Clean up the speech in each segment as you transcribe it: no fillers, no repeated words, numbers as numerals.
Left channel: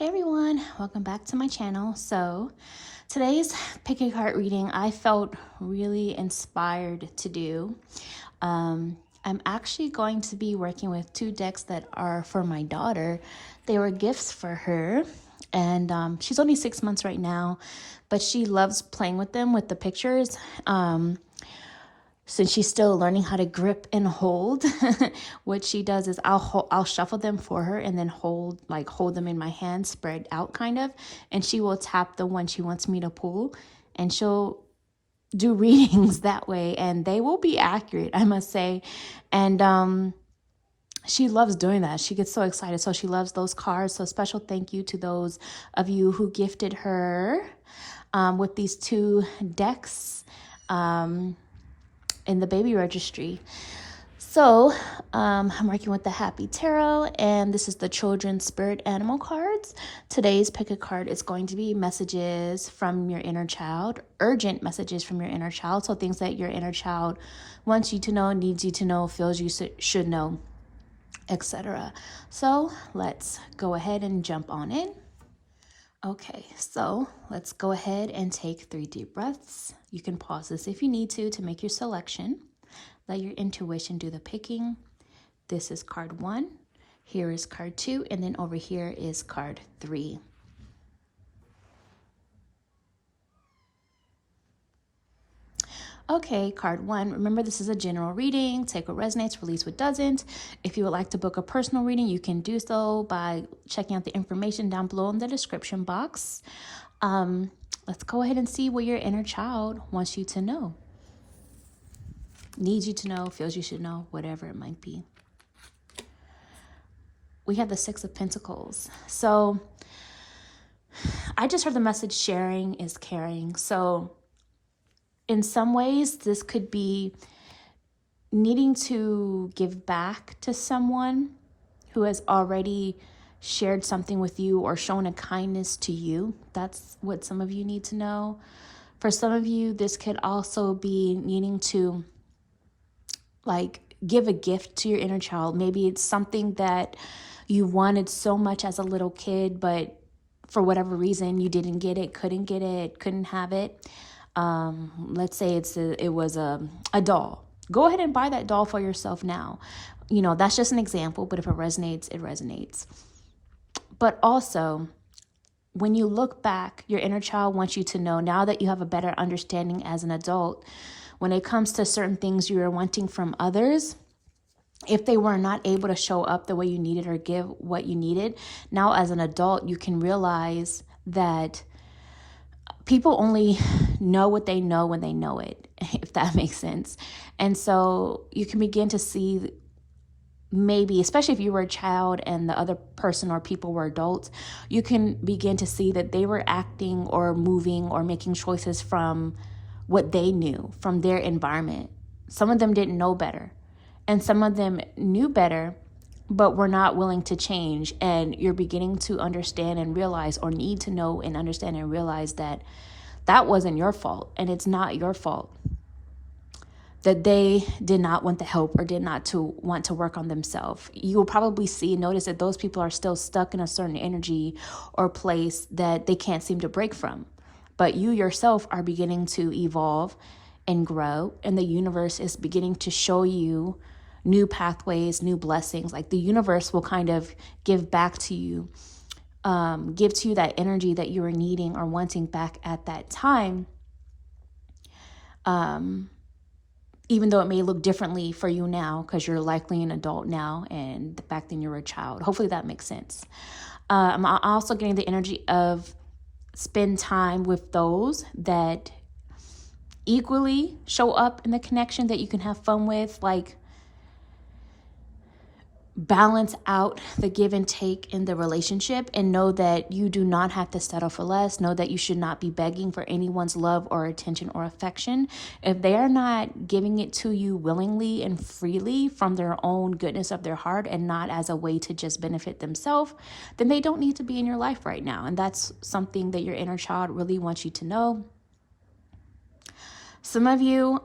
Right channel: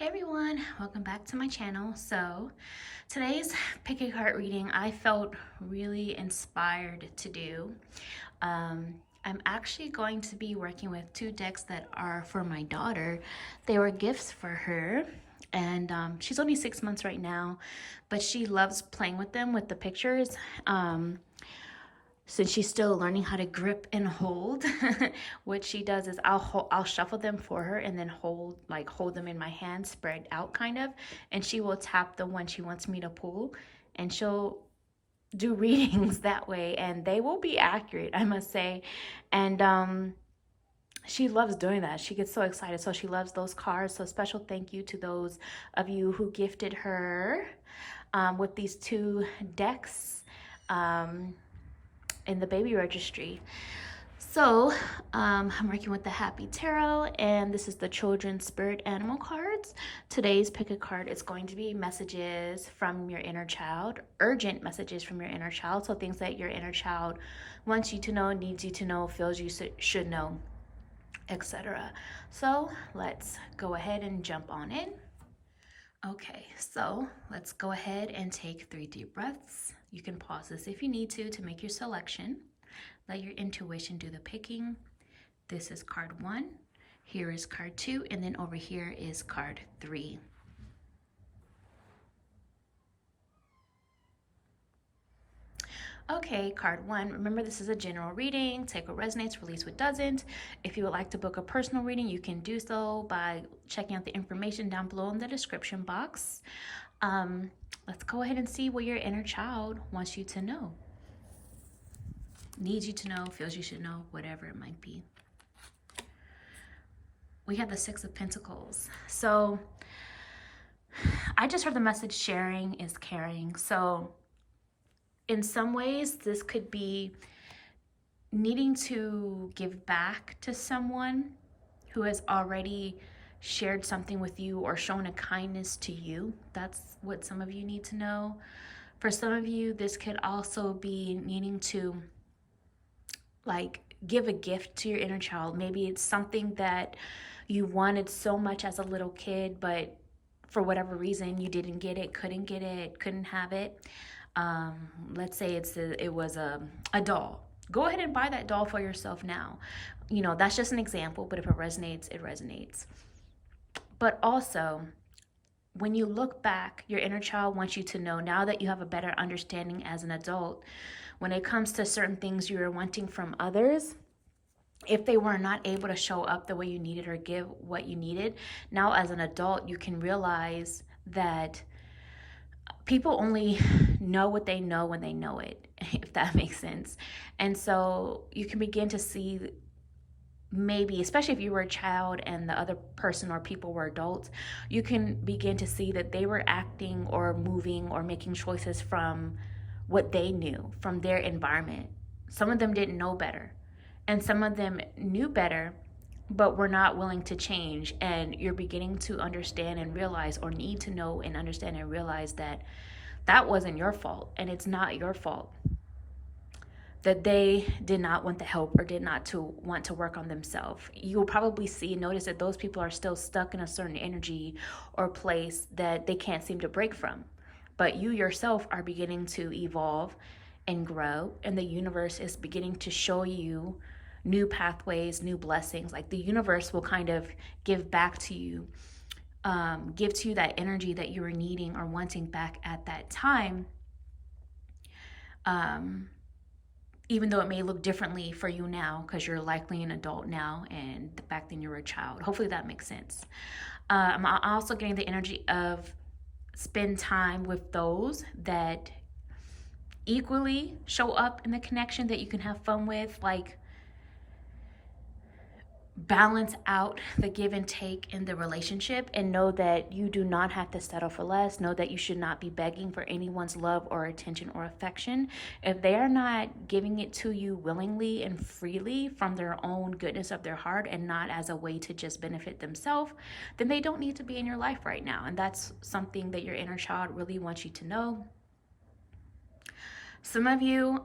Hey everyone, welcome back to my channel. So today's pick a card reading I felt really inspired to do. I'm actually going to be working with two decks that are for my daughter. They were gifts for her, and she's only 6 months right now, but she loves playing with them with the pictures. Since she's still learning how to grip and hold, what she does is I'll shuffle them for her and then hold them in my hand, spread out kind of, and she will tap the one she wants me to pull, and she'll do readings that way, and they will be accurate, I must say. And she loves doing that. She gets so excited. So she loves those cards. So special thank you to those of you who gifted her with these two decks in the baby registry. So I'm working with the Happy Tarot, and this is the Children's Spirit Animal cards. Today's pick a card is going to be messages from your inner child, urgent messages from your inner child. So things that your inner child wants you to know, needs you to know, feels you should know, etc. So let's go ahead and jump on it. Okay, so let's go ahead and take 3 deep breaths. You can pause this if you need to make your selection. Let your intuition do the picking. This is card 1. Here is card 2, and then over here is card 3. Okay, card 1. Remember, this is a general reading. Take what resonates, release what doesn't. If you would like to book a personal reading, you can do so by checking out the information down below in the description box. Let's go ahead and see what your inner child wants you to know. Needs you to know, feels you should know, whatever it might be. We have the 6 of Pentacles. So I just heard the message sharing is caring. So in some ways, this could be needing to give back to someone who has already shared something with you or shown a kindness to you. That's what some of you need to know. For some of you, this could also be needing to give a gift to your inner child. Maybe it's something that you wanted so much as a little kid, but for whatever reason you didn't get it, couldn't have it. Let's say it was a doll. Go ahead and buy that doll for yourself now. You know, that's just an example, but if it resonates, it resonates. But also, when you look back, your inner child wants you to know, now that you have a better understanding as an adult, when it comes to certain things you were wanting from others, if they were not able to show up the way you needed or give what you needed, now as an adult, you can realize that people only know what they know when they know it, if that makes sense. And so you can begin to see, maybe, especially if you were a child and the other person or people were adults, you can begin to see that they were acting or moving or making choices from what they knew, from their environment. Some of them didn't know better, and some of them knew better, but were not willing to change. And you're beginning to understand and realize, or need to know and understand and realize, that that wasn't your fault, and it's not your fault that they did not want the help or did not to want to work on themselves. You will probably notice that those people are still stuck in a certain energy or place that they can't seem to break from. But you yourself are beginning to evolve and grow, and the universe is beginning to show you new pathways, new blessings. Like the universe will kind of give back to you, give to you that energy that you were needing or wanting back at that time. Even though it may look differently for you now, because you're likely an adult now, and back then you were a child. Hopefully that makes sense. I'm also getting the energy of spend time with those that equally show up in the connection that you can have fun with. Like, balance out the give and take in the relationship, and know that you do not have to settle for less. Know that you should not be begging for anyone's love or attention or affection. If they are not giving it to you willingly and freely from their own goodness of their heart, and not as a way to just benefit themselves, then they don't need to be in your life right now. And that's something that your inner child really wants you to know. Some of you,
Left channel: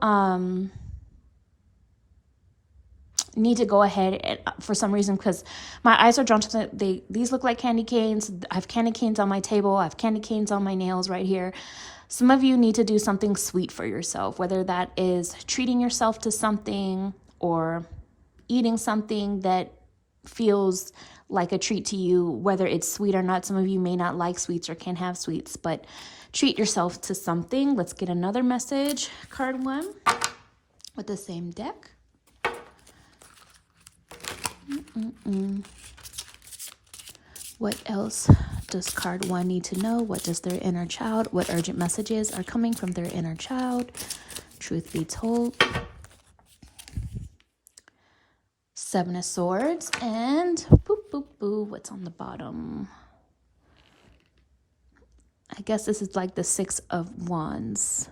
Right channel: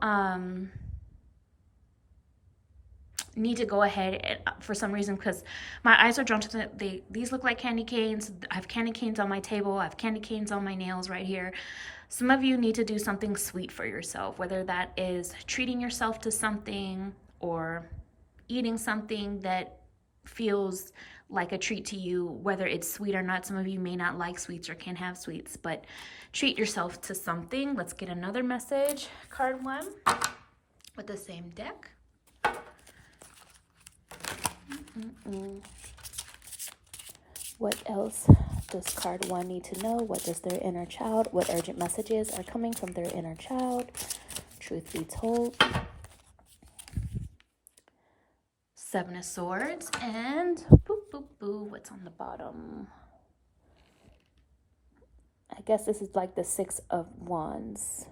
need to go ahead and, for some reason, because my eyes are drawn to these look like candy canes. I have candy canes on my table. I have candy canes on my nails right here. Some of you need to do something sweet for yourself, whether that is treating yourself to something or eating something that feels like a treat to you, whether it's sweet or not. Some of you may not like sweets or can't have sweets, but treat yourself to something. Let's get another message, card 1, with the same deck. What else does card 1 need to know? What does their inner child, what urgent messages are coming from their inner child? Truth be told. 7 of Swords and boop, boop, boop. What's on the bottom? I guess this is like the 6 of Wands.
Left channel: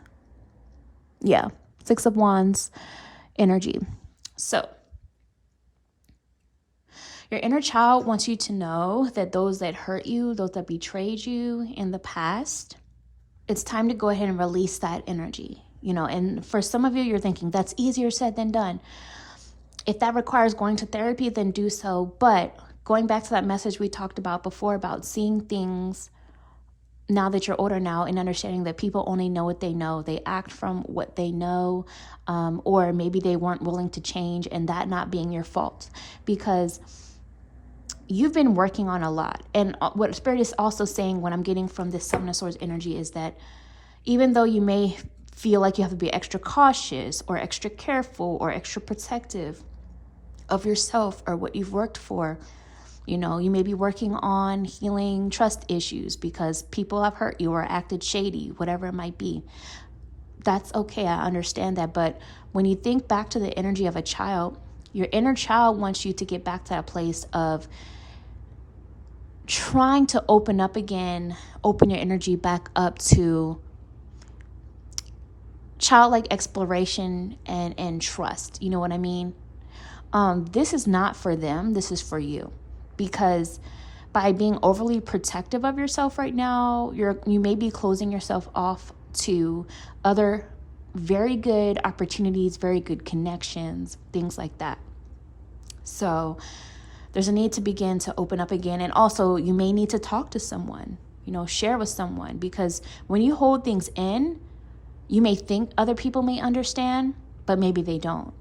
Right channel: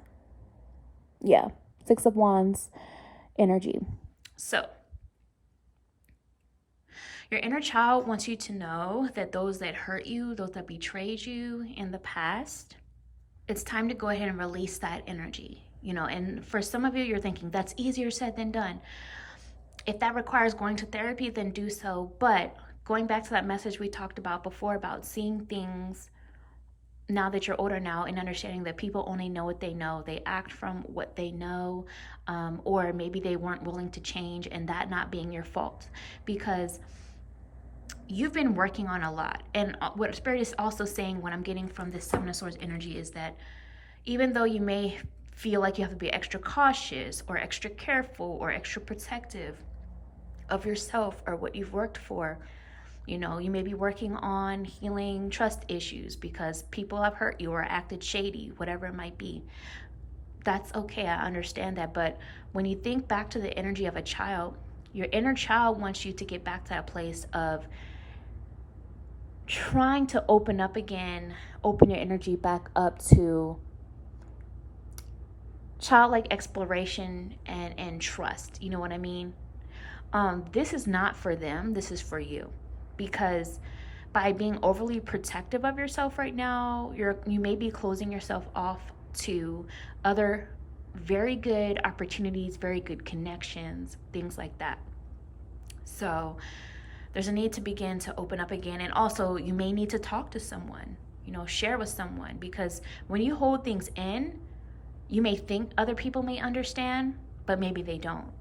Yeah, 6 of Wands energy. So your inner child wants you to know that those that hurt you, those that betrayed you in the past, it's time to go ahead and release that energy. You know, and for some of you, you're thinking that's easier said than done. If that requires going to therapy, then do so. But going back to that message we talked about before about seeing things now that you're older now and understanding that people only know what they know. They act from what they know, or maybe they weren't willing to change, and that not being your fault, because you've been working on a lot. And what Spirit is also saying, what I'm getting from this 7 of Swords energy, is that even though you may feel like you have to be extra cautious or extra careful or extra protective of yourself or what you've worked for, you know, you may be working on healing trust issues because people have hurt you or acted shady, whatever it might be. That's okay. I understand that. But when you think back to the energy of a child, your inner child wants you to get back to that place of trying to open up again, open your energy back up to childlike exploration and trust. You know what I mean? This is not for them. This is for you. Because by being overly protective of yourself right now, you may be closing yourself off to other very good opportunities, very good connections, things like that. So there's a need to begin to open up again. And also you may need to talk to someone, you know, share with someone, because when you hold things in, you may think other people may understand, but maybe they don't.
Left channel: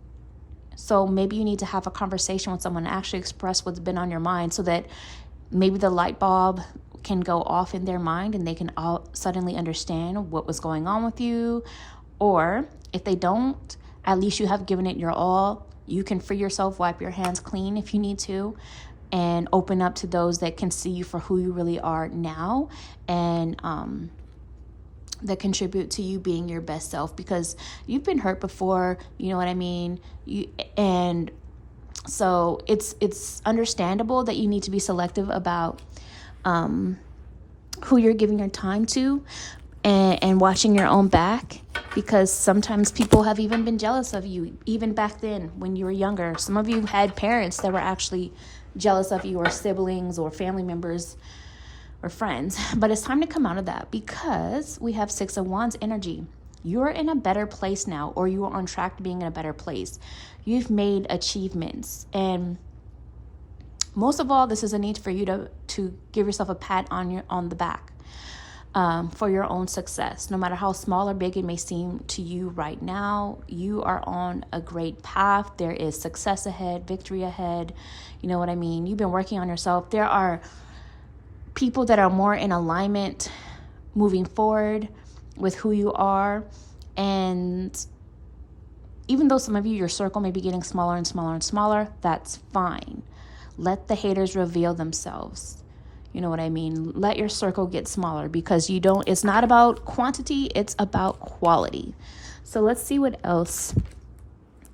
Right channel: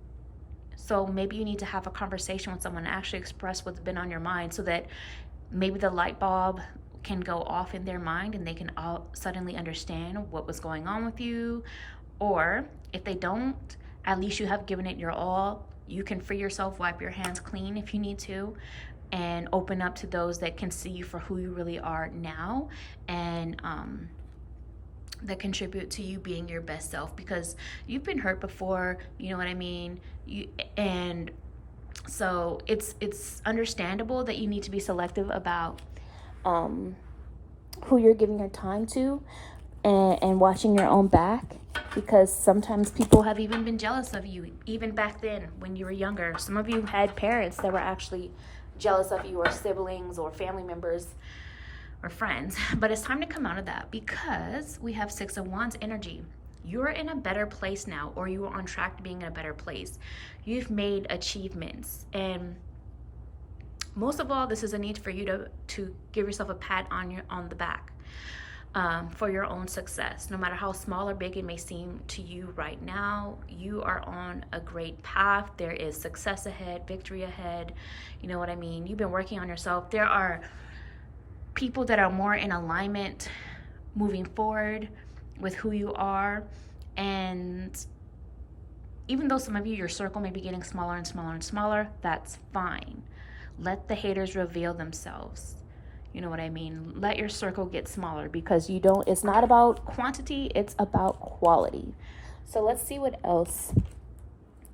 So maybe you need to have a conversation with someone and actually express what's been on your mind, so that maybe the light bulb can go off in their mind and they can all suddenly understand what was going on with you. Or if they don't, at least you have given it your all. You can free yourself, wipe your hands clean if you need to, and open up to those that can see you for who you really are now, and that contribute to you being your best self, because you've been hurt before, you know what I mean? And so it's understandable that you need to be selective about who you're giving your time to, and watching your own back, because sometimes people have even been jealous of you, even back then when you were younger. Some of you had parents that were actually jealous of you, or siblings or family members or friends. But it's time to come out of that, because we have 6 of Wands energy. You're in a better place now, or you are on track to being in a better place. You've made achievements, and most of all, this is a need for you to give yourself a pat on the back for your own success. No matter how small or big it may seem to you right now, you are on a great path. There is success ahead, victory ahead. You know what I mean? You've been working on yourself. There are people that are more in alignment moving forward with who you are. And even though some of you, your circle may be getting smaller and smaller and smaller, that's fine. Let the haters reveal themselves. You know what I mean? Let your circle get smaller, because it's not about quantity, it's about quality. So let's see what else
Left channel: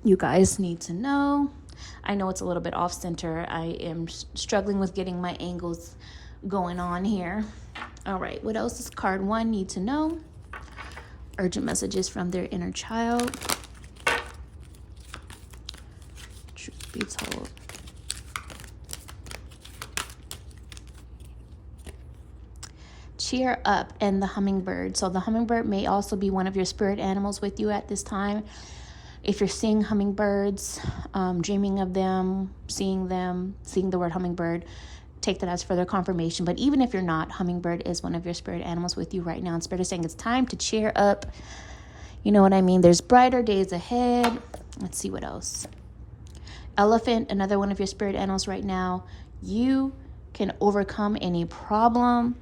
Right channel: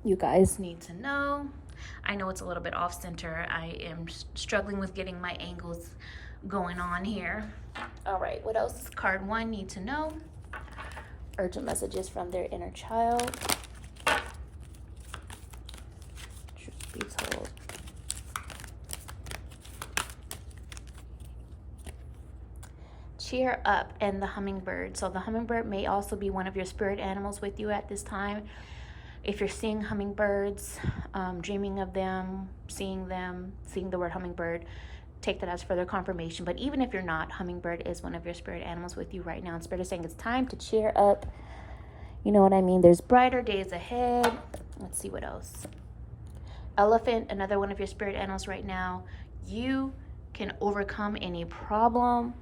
you guys need to know. I know it's a little bit off center. I am struggling with getting my angles going on here. All right, what else does card 1 need to know? Urgent messages from their inner child. Truth be told. Cheer up, and the hummingbird. So the hummingbird may also be one of your spirit animals with you at this time. If you're seeing hummingbirds, dreaming of them, seeing the word hummingbird, take that as further confirmation. But even if you're not, hummingbird is one of your spirit animals with you right now. And Spirit is saying it's time to cheer up. You know what I mean? There's brighter days ahead. Let's see what else. Elephant, another one of your spirit animals right now. You can overcome any problem.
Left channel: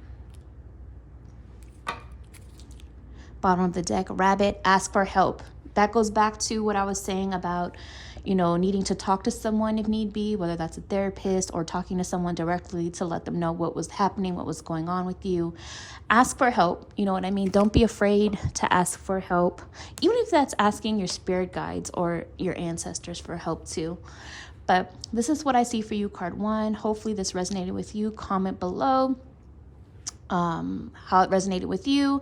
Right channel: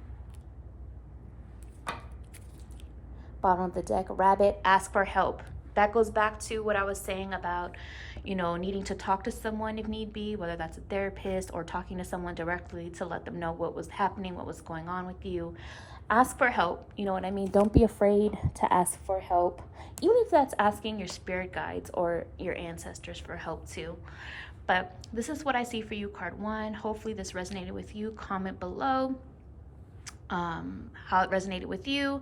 Bottom of the deck, rabbit, ask for help. That goes back to what I was saying about, needing to talk to someone if need be, whether that's a therapist or talking to someone directly to let them know what was happening, what was going on with you. Ask for help. You know what I mean? Don't be afraid to ask for help, even if that's asking your spirit guides or your ancestors for help too. But this is what I see for you, card 1. Hopefully this resonated with you. Comment below how it resonated with you,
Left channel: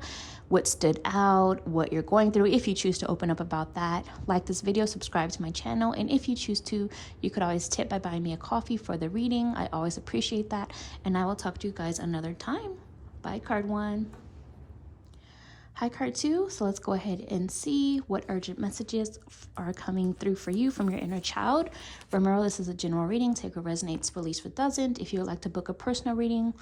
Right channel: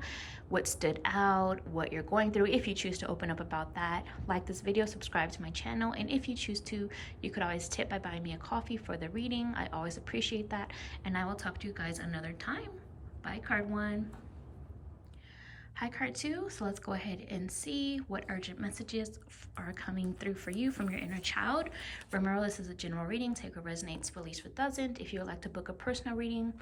what stood out, what you're going through. If you choose to open up about that, like this video, subscribe to my channel, and if you choose to, you could always tip by buying me a coffee for the reading. I always appreciate that, and I will talk to you guys another time. Bye, card 1. Hi, card 2. So let's go ahead and see what urgent messages are coming through for you from your inner child. Remember, this is a general reading. Take what resonates, release what doesn't. If you would like to book a personal reading,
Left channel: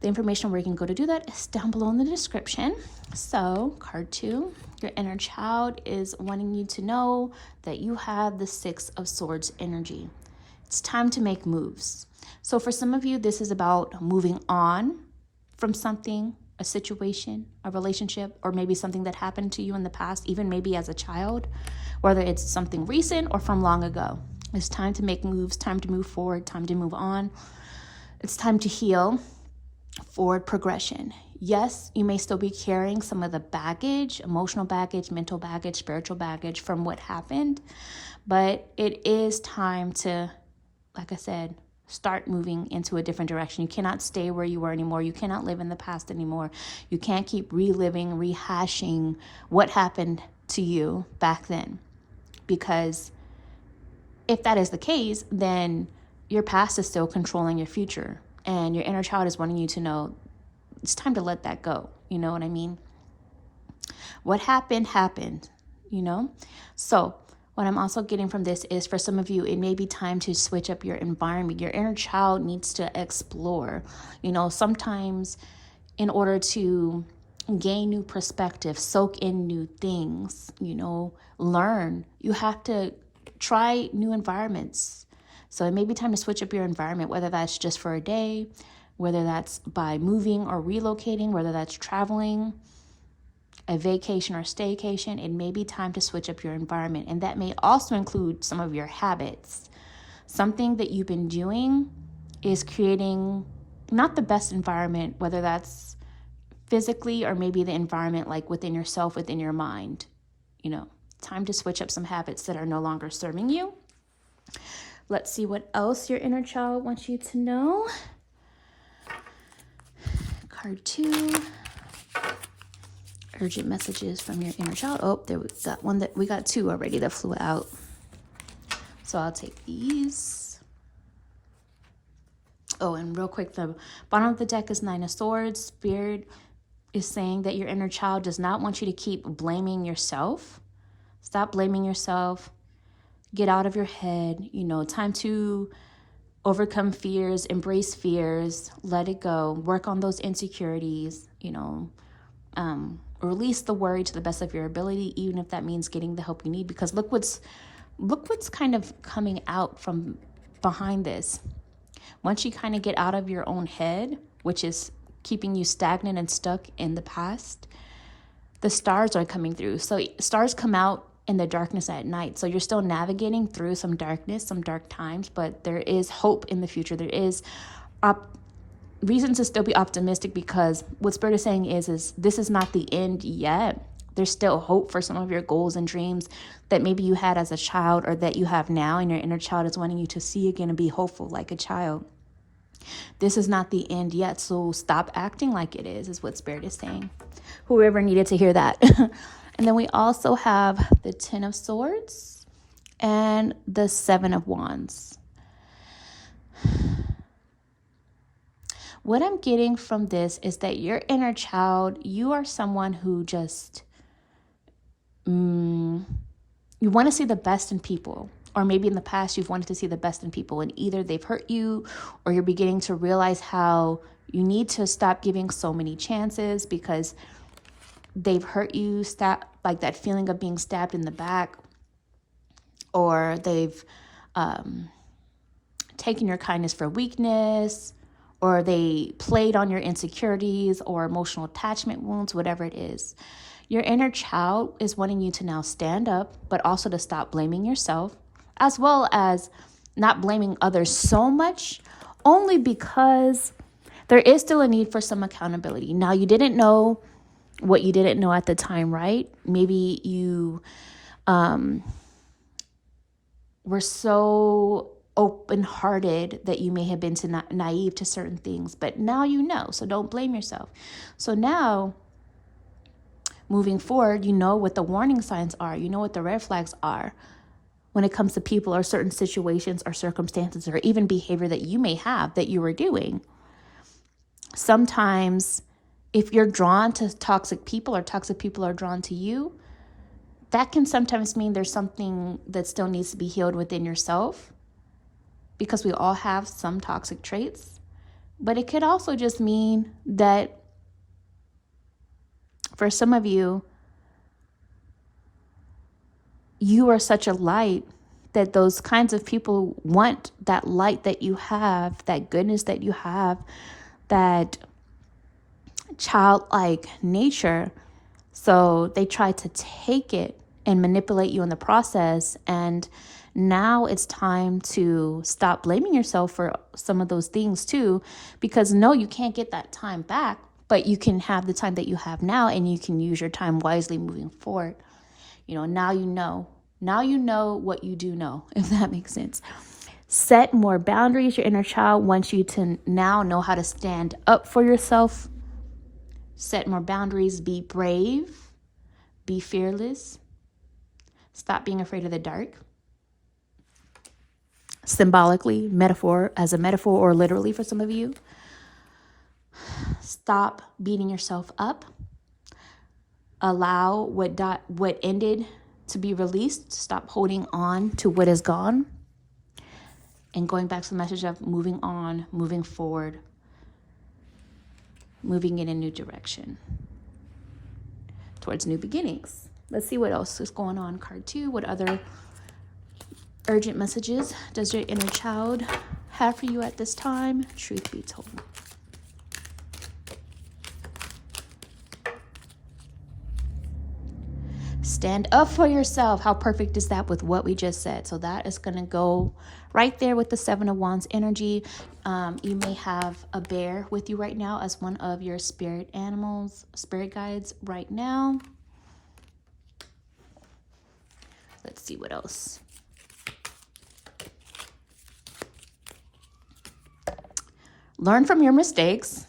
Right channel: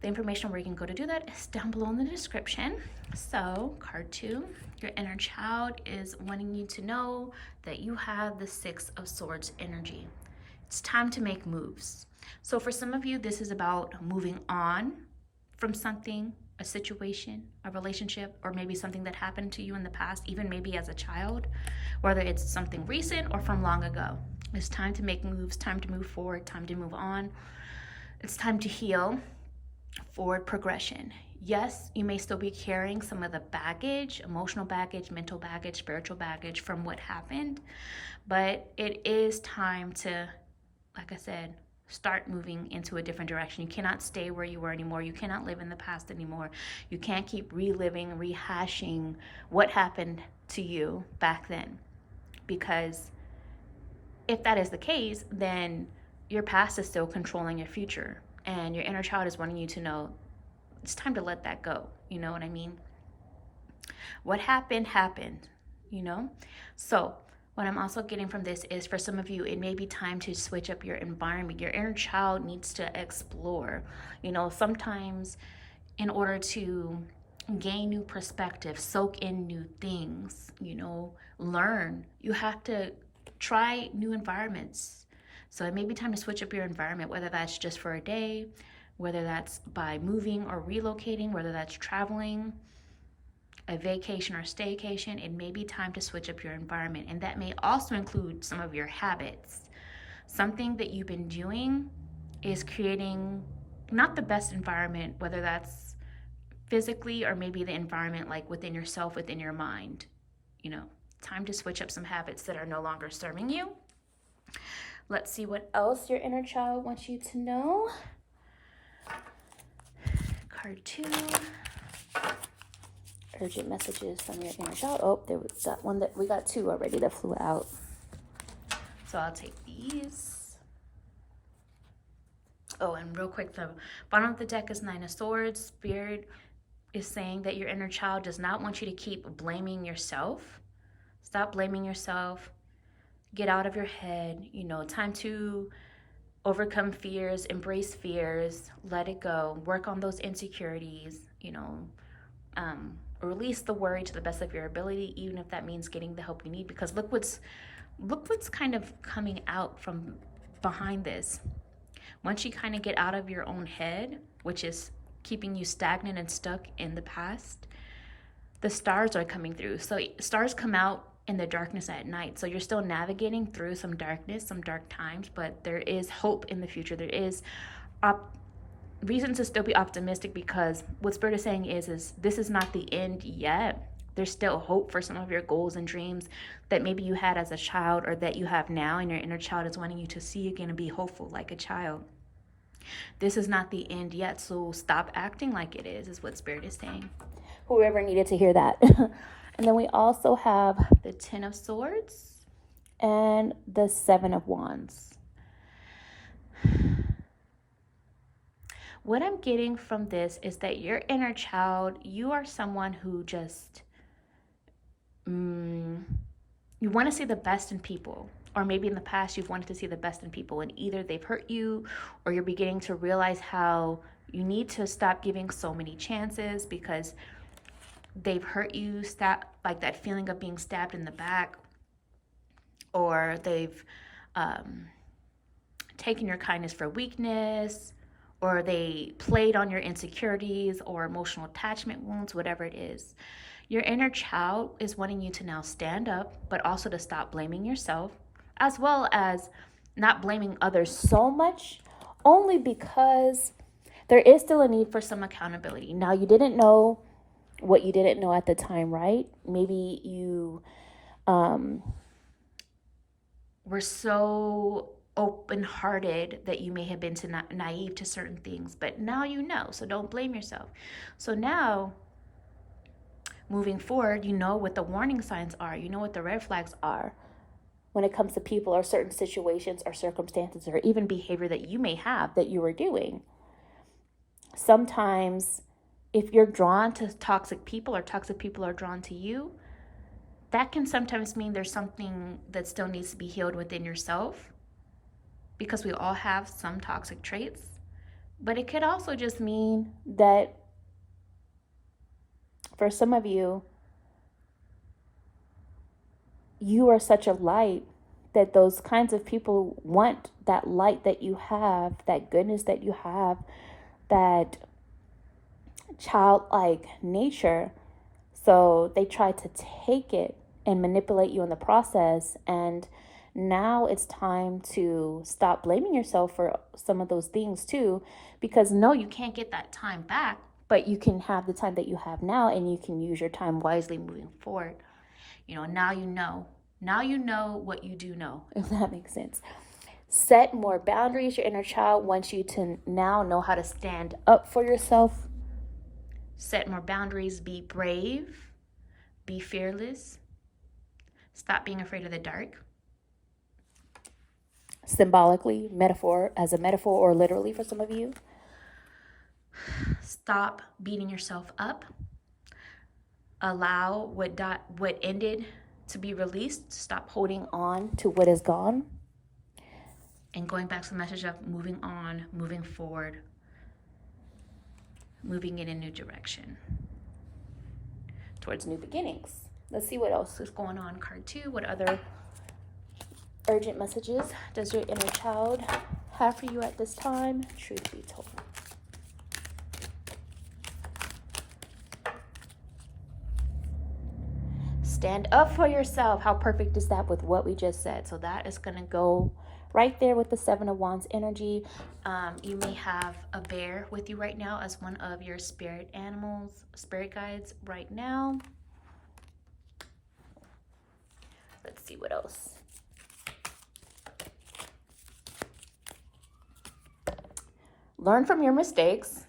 the information where you can go to do that is down below in the description. So, card 2, your inner child is wanting you to know that you have the 6 of Swords energy. It's time to make moves. So for some of you, this is about moving on from something, a situation, a relationship, or maybe something that happened to you in the past, even maybe as a child, whether it's something recent or from long ago. It's time to make moves, time to move forward, time to move on. It's time to heal. Forward progression. Yes, you may still be carrying some of the baggage, emotional baggage, mental baggage, spiritual baggage from what happened, but it is time to, like I said, start moving into a different direction. You cannot stay where you were anymore. You cannot live in the past anymore. You can't keep reliving, rehashing what happened to you back then, because if that is the case, then your past is still controlling your future. And your inner child is wanting you to know it's time to let that go. You know what I mean? What happened, happened, So what I'm also getting from this is, for some of you, it may be time to switch up your environment. Your inner child needs to explore. Sometimes in order to gain new perspective, soak in new things, learn, you have to try new environments. So it may be time to switch up your environment, whether that's just for a day, whether that's by moving or relocating, whether that's traveling, a vacation or staycation. It may be time to switch up your environment. And that may also include some of your habits. Something that you've been doing is creating not the best environment, whether that's physically or maybe the environment like within yourself, within your mind. Time to switch up some habits that are no longer serving you. Let's see what else your inner child wants you to know. Card 2. Urgent messages from your inner child. Oh, there we got 2 already that flew out. So I'll take these. Oh, and real quick, the bottom of the deck is 9 of Swords. Spirit is saying that your inner child does not want you to keep blaming yourself. Stop blaming yourself. Get out of your head. Time to overcome fears, embrace fears, let it go, work on those insecurities, release the worry to the best of your ability, even if that means getting the help you need, because look what's kind of coming out from behind this. Once you kind of get out of your own head, which is keeping you stagnant and stuck in the past, the stars are coming through. So stars come out in the darkness at night. So you're still navigating through some darkness, some dark times, but there is hope in the future. There is reason to still be optimistic, because what Spirit is saying is this is not the end yet. There's still hope for some of your goals and dreams that maybe you had as a child or that you have now, and your inner child is wanting you to see again and be hopeful like a child. This is not the end yet, so stop acting like it is what Spirit is saying. Whoever needed to hear that. And then we also have the 10 of Swords and the 7 of Wands. What I'm getting from this is that your inner child, you are someone who just, you want to see the best in people. Or maybe in the past you've wanted to see the best in people, and either they've hurt you or you're beginning to realize how you need to stop giving so many chances because they've hurt you. Stop, like that feeling of being stabbed in the back, or they've taken your kindness for weakness, or they played on your insecurities or emotional attachment wounds, whatever it is. Your inner child is wanting you to now stand up, but also to stop blaming yourself, as well as not blaming others so much, only because there is still a need for some accountability. Now, you didn't know what you didn't know at the time, right? Maybe you were so open-hearted that you may have been naive to certain things, but now you know, so don't blame yourself. So now, moving forward, you know what the warning signs are, you know what the red flags are when it comes to people or certain situations or circumstances or even behavior that you may have that you were doing. Sometimes if you're drawn to toxic people or toxic people are drawn to you, that can sometimes mean there's something that still needs to be healed within yourself, because we all have some toxic traits. But it could also just mean that for some of you, you are such a light that those kinds of people want that light that you have, that goodness that you have, that childlike nature. So they try to take it and manipulate you in the process. And now it's time to stop blaming yourself for some of those things too, because no, you can't get that time back, but you can have the time that you have now, and you can use your time wisely moving forward. Now you know what you do know, if that makes sense. Set more boundaries. Your inner child wants you to now know how to stand up for yourself. Set more boundaries. Be brave. Be fearless. Stop being afraid of the dark. Symbolically, as a metaphor, or literally for some of you. Stop beating yourself up. Allow what ended to be released. Stop holding on to what is gone. And going back to the message of moving on, moving forward, moving in a new direction towards new beginnings. Let's see what else is going on. Card 2. What other urgent messages does your inner child have for you at this time? Truth be told. Stand up for yourself. How perfect is that with what we just said? So that is going to go right there with the 7 of Wands energy. You may have a bear with you right now as one of your spirit animals, spirit guides right now. Let's see what else. Learn from your mistakes.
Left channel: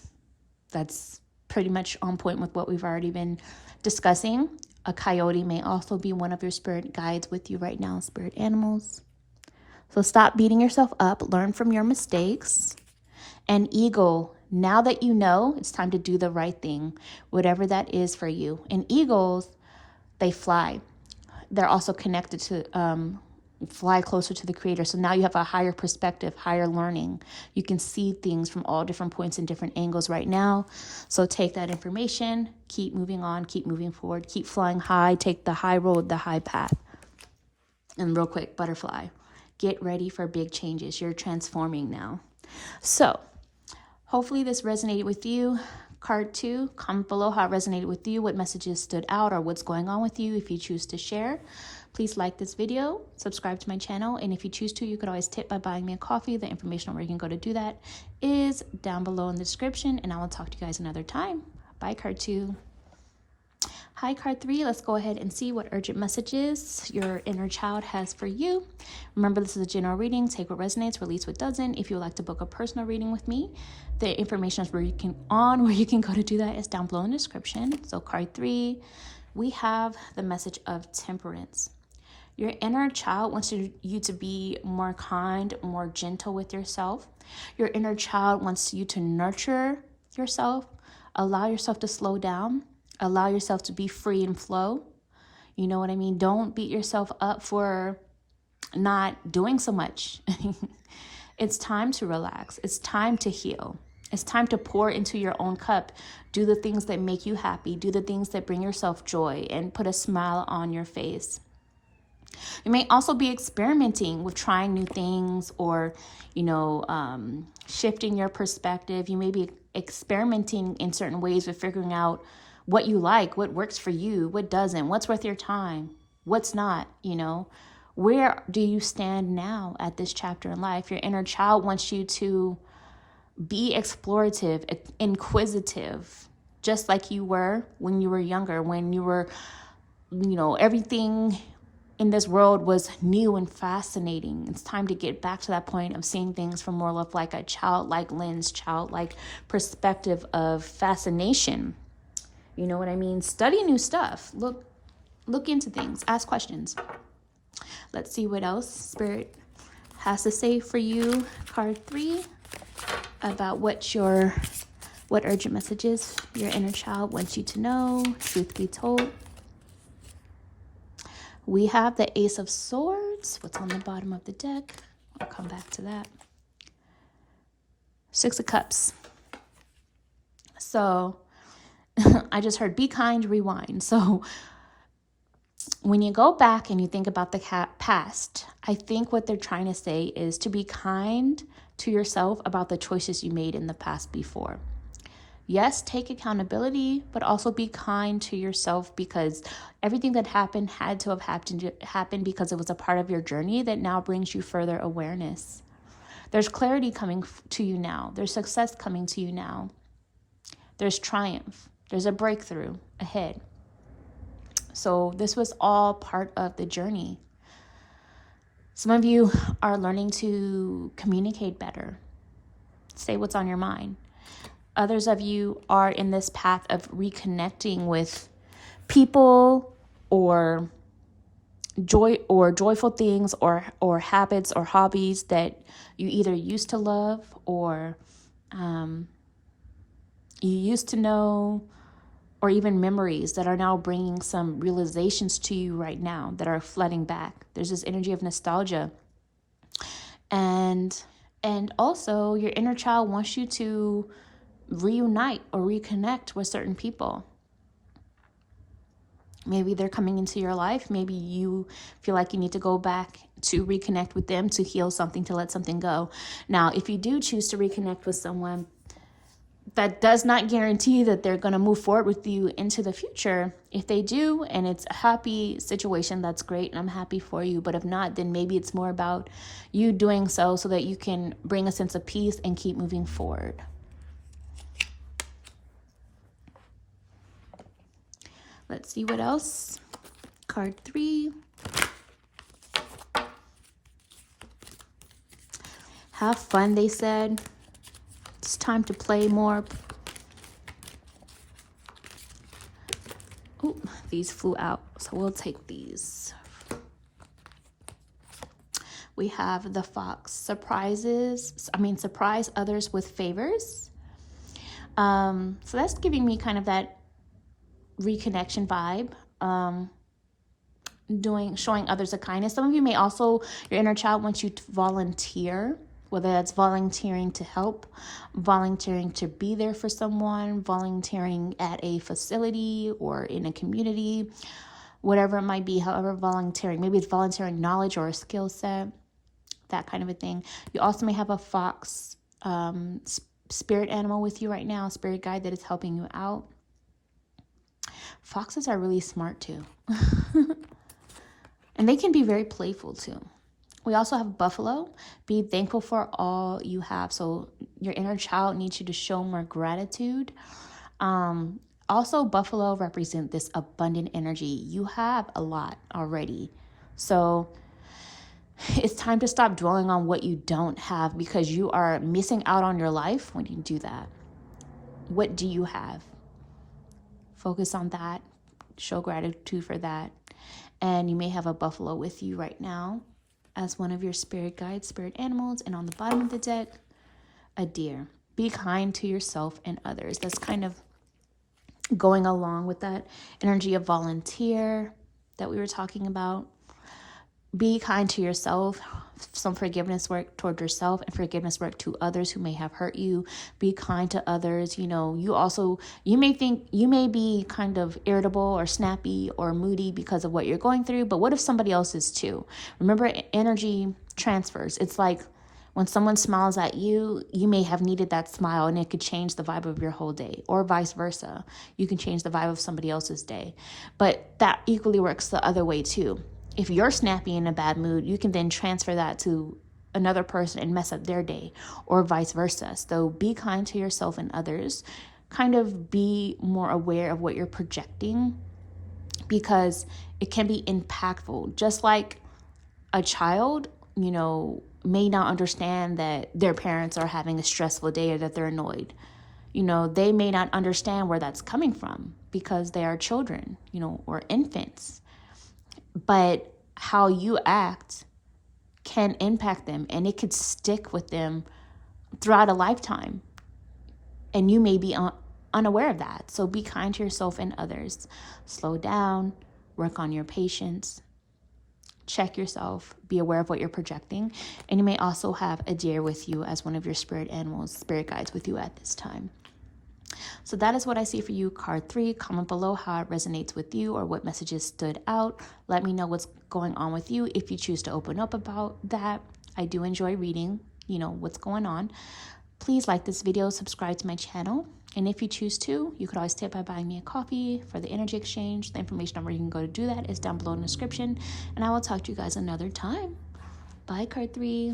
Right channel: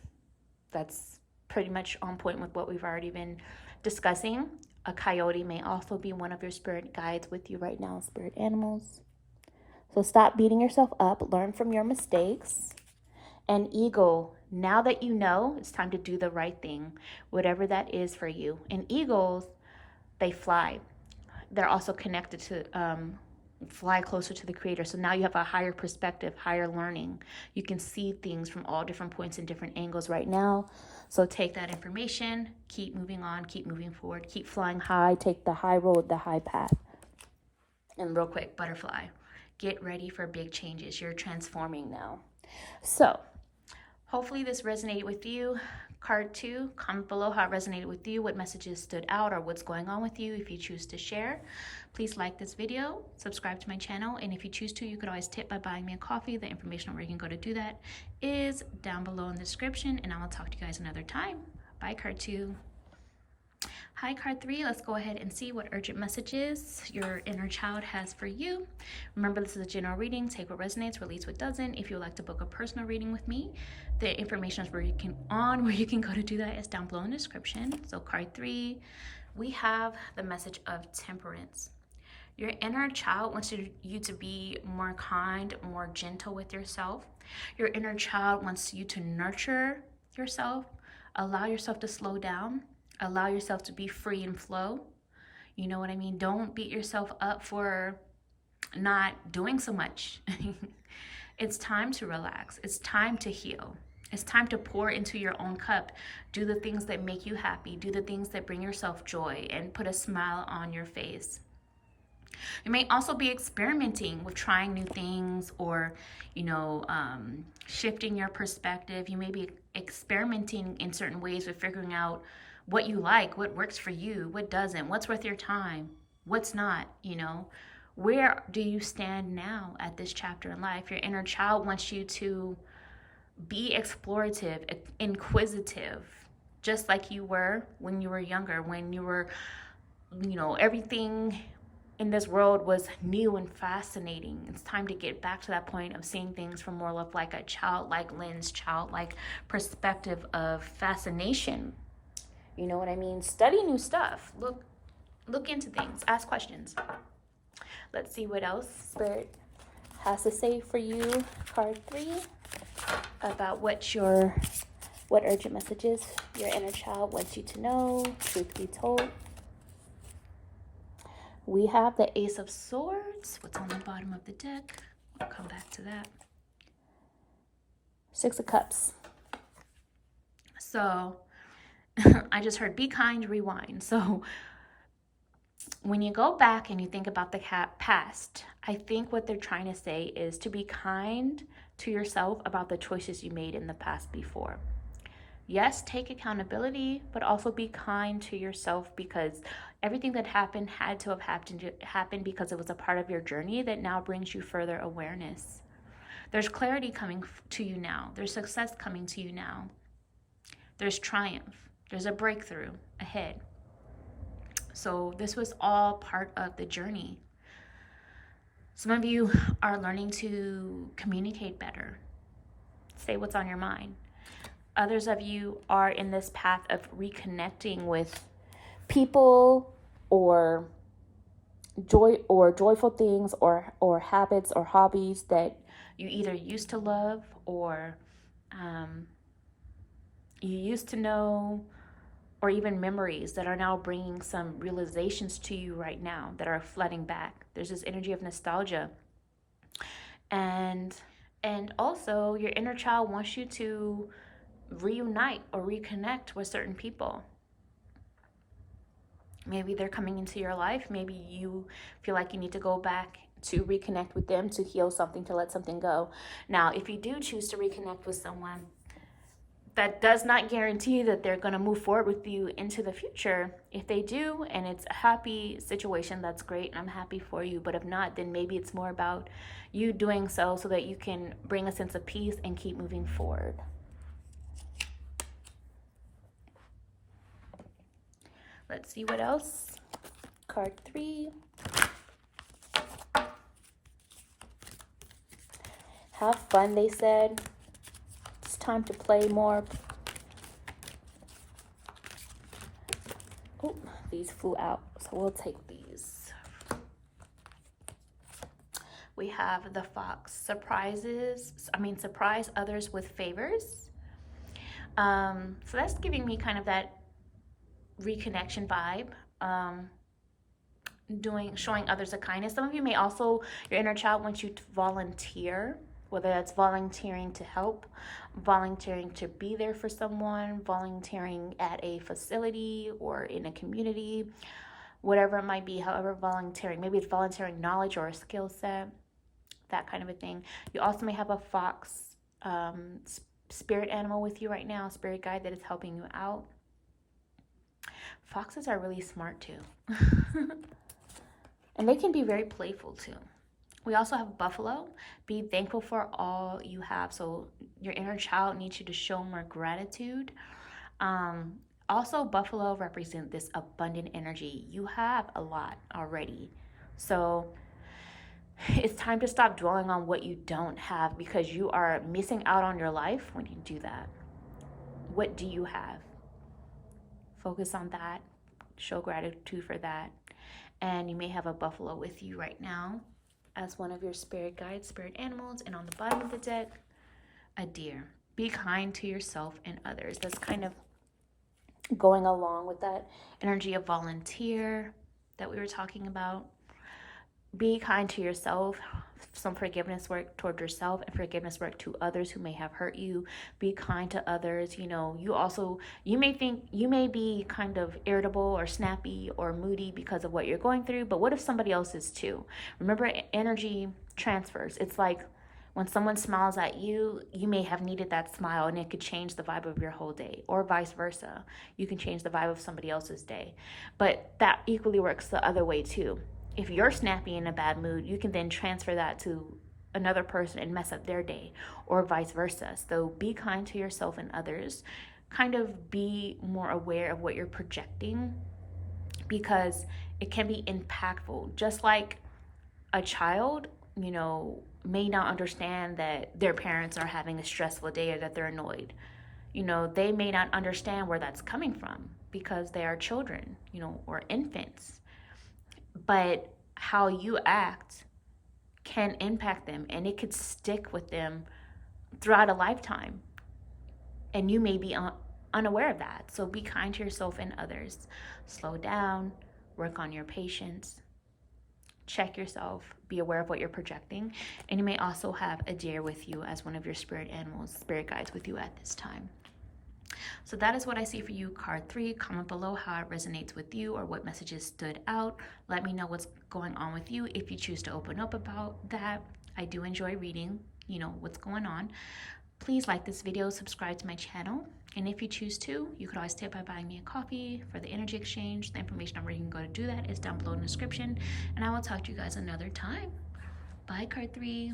That's pretty much on point with what we've already been discussing. A coyote may also be one of your spirit guides with you right now, spirit animals. So stop beating yourself up. Learn from your mistakes. And eagle, now that you know, it's time to do the right thing, whatever that is for you. And eagles, they fly. They're also connected to fly closer to the creator. So now you have a higher perspective, higher learning. You can see things from all different points and different angles right now. So take that information, keep moving on, keep moving forward, keep flying high, take the high road, the high path. And real quick, butterfly, get ready for big changes. You're transforming now. So hopefully this resonated with you. Card 2, comment below how it resonated with you, what messages stood out, or what's going on with you if you choose to share. Please like this video, subscribe to my channel, and if you choose to, you could always tip by buying me a coffee. The information on where you can go to do that is down below in the description, and I will talk to you guys another time. Bye, Card 2. Hi, Card 3. Let's go ahead and see what urgent messages your inner child has for you. Remember, this is a general reading. Take what resonates, release what doesn't. If you would like to book a personal reading with me, the information is where you can go to do that is down below in the description. So Card 3, we have the message of temperance. Your inner child wants you to be more kind, more gentle with yourself. Your inner child wants you to nurture yourself, allow yourself to slow down, allow yourself to be free and flow. You know what I mean? Don't beat yourself up for not doing so much. It's time to relax. It's time to heal. It's time to pour into your own cup. Do the things that make you happy. Do the things that bring yourself joy and put a smile on your face. You may also be experimenting with trying new things, or, shifting your perspective. You may be experimenting in certain ways with figuring out what you like, what works for you, what doesn't, what's worth your time, what's not. Where do you stand now at this chapter in life? Your inner child wants you to be explorative, inquisitive, just like you were when you were younger, when you were, everything in this world was new and fascinating. It's time to get back to that point of seeing things from more of like a childlike lens, childlike perspective of fascination. You know what I mean? Study new stuff. Look into things. Ask questions. Let's see what else Spirit has to say for you. Card 3, about what urgent messages your inner child wants you to know. Truth be told. We have the Ace of Swords. What's on the bottom of the deck? I'll come back to that. 6 of Cups. So I just heard be kind, rewind. So when you go back and you think about the past, I think what they're trying to say is to be kind to yourself about the choices you made in the past before. Yes, take accountability, but also be kind to yourself, because everything that happened had to have happened because it was a part of your journey that now brings you further awareness. There's clarity coming to you now. There's success coming to you now. There's triumph. There's a breakthrough ahead. So this was all part of the journey. Some of you are learning to communicate better. Say what's on your mind. Others of you are in this path of reconnecting with people or joyful things or habits or hobbies that you either used to love or you used to know, or even memories that are now bringing some realizations to you right now that are flooding back. There's this energy of nostalgia. And also your inner child wants you to reunite or reconnect with certain people. Maybe they're coming into your life. Maybe you feel like you need to go back to reconnect with them, to heal something, to let something go. Now, if you do choose to reconnect with someone, that does not guarantee that they're going to move forward with you into the future. If they do, and it's a happy situation, that's great, and I'm happy for you. But if not, then maybe it's more about you doing so that you can bring a sense of peace and keep moving forward. Let's see what else. Card 3. Have fun, they said. It's time to play more. Oh, these flew out, so we'll take these. We have the Fox. Surprise others with favors. So that's giving me kind of that reconnection vibe. Showing others a kindness. Some of you may also, your inner child wants you to volunteer, whether that's volunteering to help, volunteering to be there for someone, volunteering at a facility or in a community, whatever it might be, however volunteering. Maybe it's volunteering knowledge or a skill set, that kind of a thing. You also may have a fox spirit animal with you right now, spirit guide that is helping you out. Foxes are really smart too. And they can be very playful too. We also have buffalo. Be thankful for all you have. So your inner child needs you to show more gratitude. Also, buffalo represent this abundant energy. You have a lot already. So it's time to stop dwelling on what you don't have, because you are missing out on your life when you do that. What do you have? Focus on that. Show gratitude for that. And you may have a buffalo with you right now as one of your spirit guides, spirit animals. And on the bottom of the deck, a deer. Be kind to yourself and others. That's kind of going along with that energy of volunteer. that we were talking about. Be kind to yourself. Some forgiveness work toward yourself and forgiveness work to others who may have hurt you. Be kind to others. You know, you may think you may be kind of irritable or snappy or moody because of what you're going through, but what if somebody else is too? Remember, energy transfers. It's like when someone smiles at you, you may have needed that smile and it could change the vibe of your whole day, or vice versa. You can change the vibe of somebody else's day. But that equally works the other way too. If you're snappy in a bad mood, you can then transfer that to another person and mess up their day, or vice versa. So be kind to yourself and others. Kind of be more aware of what you're projecting, because it can be impactful. Just like a child, you know, may not understand that their parents are having a stressful day or that they're annoyed. You know, they may not understand where that's coming from because they are children, you know, or infants. But how you act can impact them, and it could stick with them throughout a lifetime. And you may be unaware of that. So be kind to yourself and others. Slow down, work on your patience, check yourself, be aware of what you're projecting. And you may also have a deer with you as one of your spirit animals, spirit guides with you at this time. So that is what I see for you, card 3. Comment below how it resonates with you or what messages stood out. Let me know what's going on with you if you choose to open up about that. I do enjoy reading, you know, what's going on. Please like this video, subscribe to my channel. And if you choose to, you could always tip by buying me a coffee for the energy exchange. The information on where you can go to do that is down below in the description. And I will talk to you guys another time. Bye, card 3.